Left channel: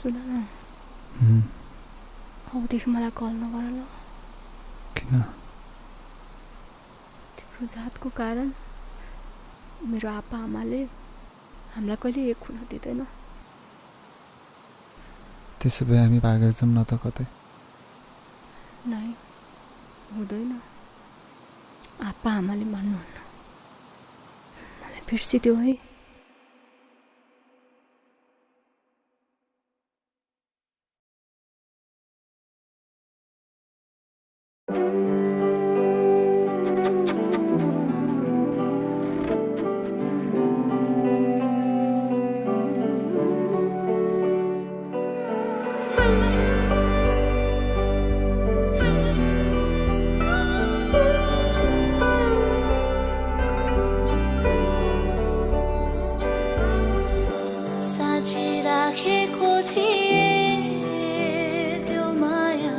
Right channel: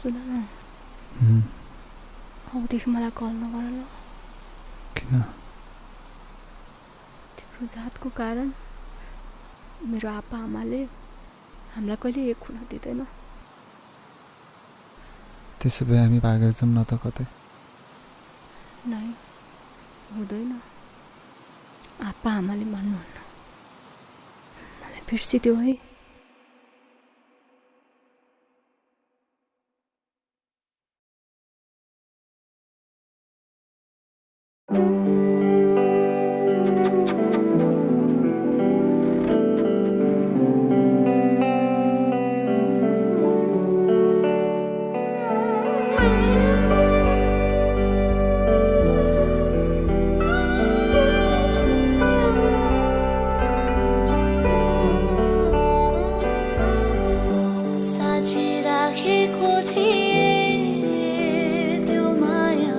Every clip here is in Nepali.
सुन न अबदेखि मलाई कल नगर ल। किन? तिम्रो जातको कारण मेरो आप्पा आमाले हामीलाई कहिले एक हुन दिँदैन। त्यसो भए हामी भागेर जाऊँ न त कतै। नै हुँदैन, आप्पा आमाले मान्नुहुन्न। मलाई बिर्सिदियो है। राखेको थिए त्यो माया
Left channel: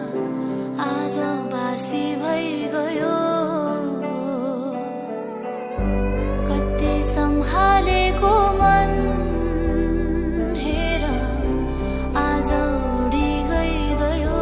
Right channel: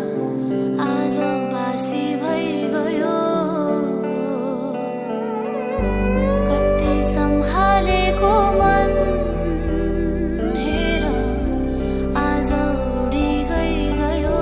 आज बासी भइगयो। कति सम्हालेको मन हेर आज उडी गयो।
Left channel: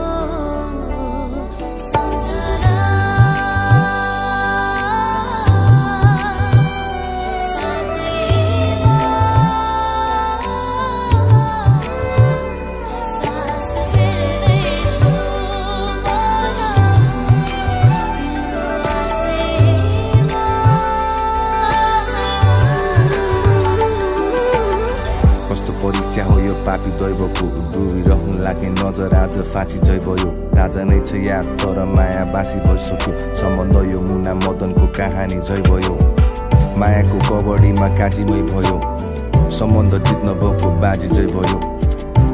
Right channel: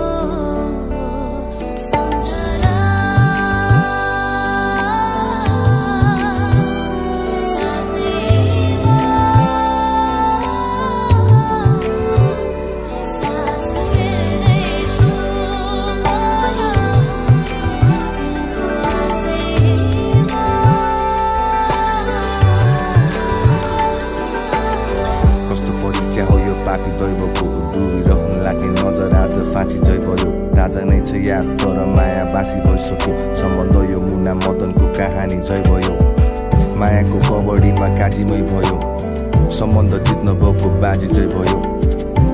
परीक्षा हो यो पापी दैवको, डुबिरहनु लाग्ने नजर आज फाँसी झै भयो। ताजा नै छ याद तर माया बासी भइसक्यो। सम्बन्ध यो मुना मदनको कहानी झै भयो। मायाको कबड्डीमा काजीमै भयो। सम्बन्ध जित्न भएको बाजी झै भयो।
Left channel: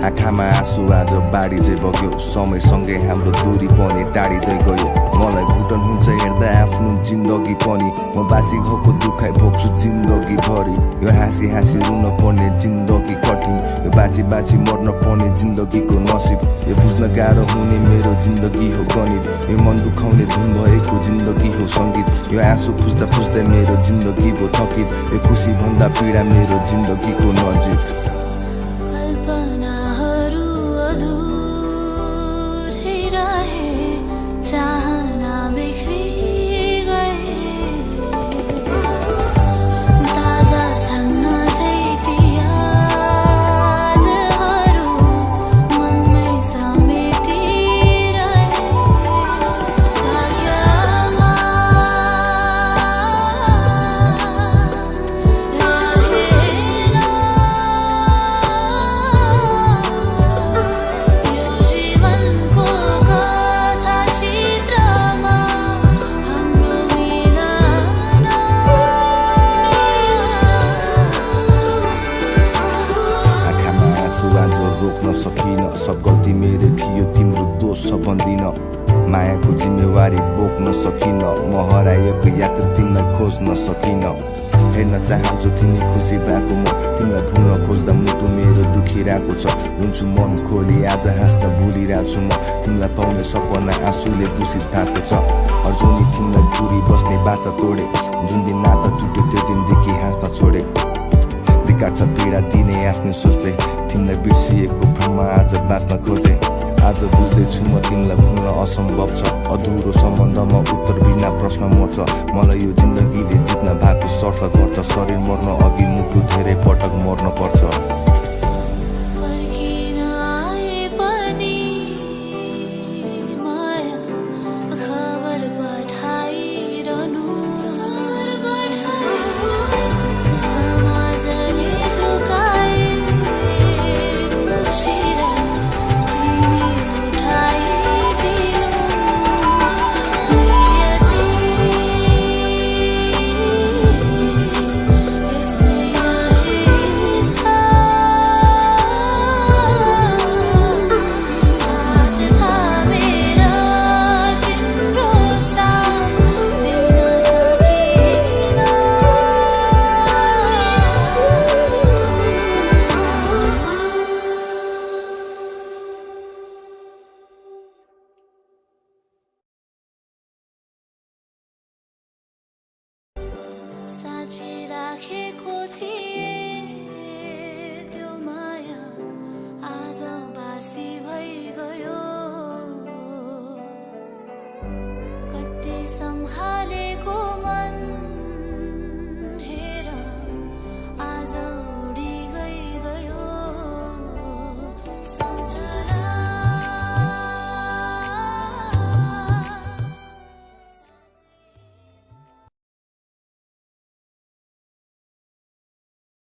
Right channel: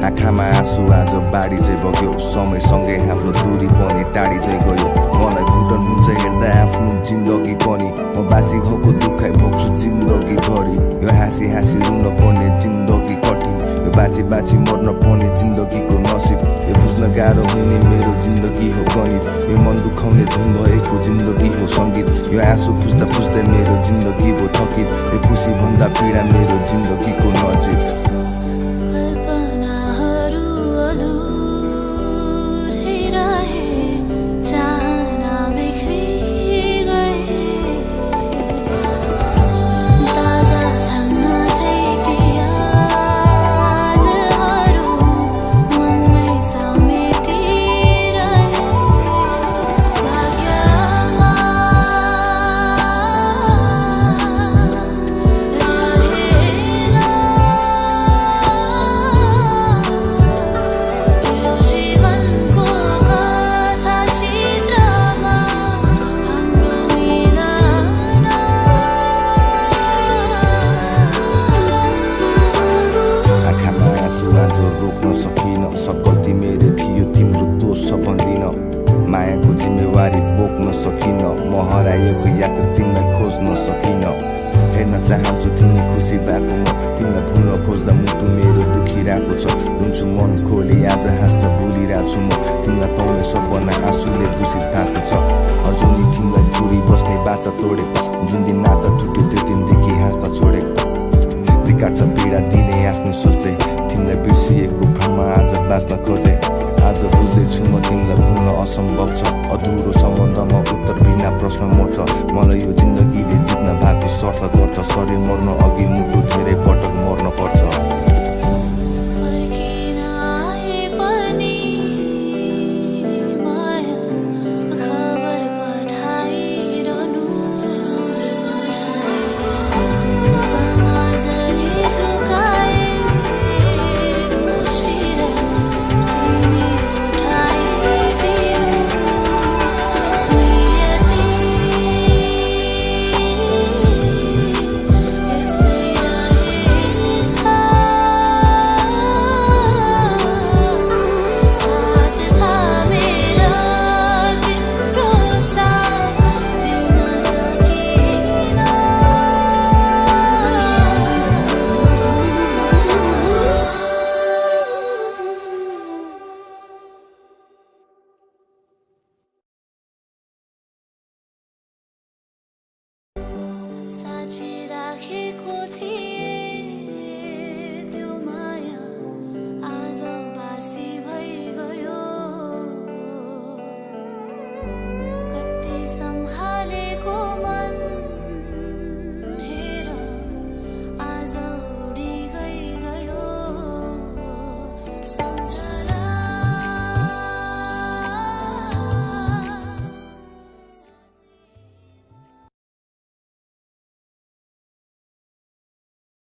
आँखामा आँसु आज बाढी झै बग्यो। समयसँगै हाम्रो दूरी पनि टाढिँदै गयो। मलाई घुटन हुन्छ हेर्दा आफ्नो जिन्दगी पनि। म बासी घाउको दुखाइ भोग्छु जिन्दगी भरि। यो हाँसी हाँसी रुन पर्ने जिन्दगी कठिन। यो बाँची बाँची मर्न पर्ने जिन्दगीको नसिब। यो बुझ्न गाह्रो हुने मेरो जिन्दगी हो गणित। यो मन दुखाउने धुन भएको जिन्दगी हो सङ्गीत। यो आँसु पुस्दा पुस्दै मेरो जिन्दगी भो थकित। यो खुसी भन्दा पीडा मेरो जिन्दगीको नजिक। चाहना बिखरी गए ताजा छन्न छैटी यादहरू मनमै समेटिरहे। भाग्यमा रहेन यो जीवनको आज रोक्न सकिन। सब गल्ती मेरो थियो तिम्रो दोष छ भन्दिन। मायाको जिम्मेवारी बोक्न सकिन। म हराएको यात्रा तिमीलाई खोज्न सकिन। हेर्न चाहन्छु तिमी खुसी भएको म। तिमीलाई भुल्न खोज्दा मुटु मेरो दुखिरहेको छ। रुन्छु मन खोली आज हाँस्न भुलिरहेको छु म। तिमीलाई पाउने सपना आँसुले दूषित भएको छ। अर्जुनी तिमीलाई दूरी बस्ने बाचा तोडे। जुन दिन नाता टुट्यो त्यो दिनदेखि हाँस्न छोडे। धिक्कार छ पीडा दिने आफ्नो सोचले। तिमीलाई बिर्सिएको भ्रममा आज बाँच्न खोजे। आज बुझ्दैछु म तिमीलाई भुल्न असम्भव छ। अधुरो सम्बन्धमा उत्तर बिना प्रश्न म छ। मलाई यो जिन्दगीले जित्न भएको शर्त गर्छ। शरीर मर्न अघि मुटु धेरै पटक मर्न पर्छ। फर्किन आए पनि माया खबर पठाइरहनु। समाजले झुकाए साँचिराखेको थिए त्यो माया आज उदासी भइ गयो कति सम्हालेको मन हेर आज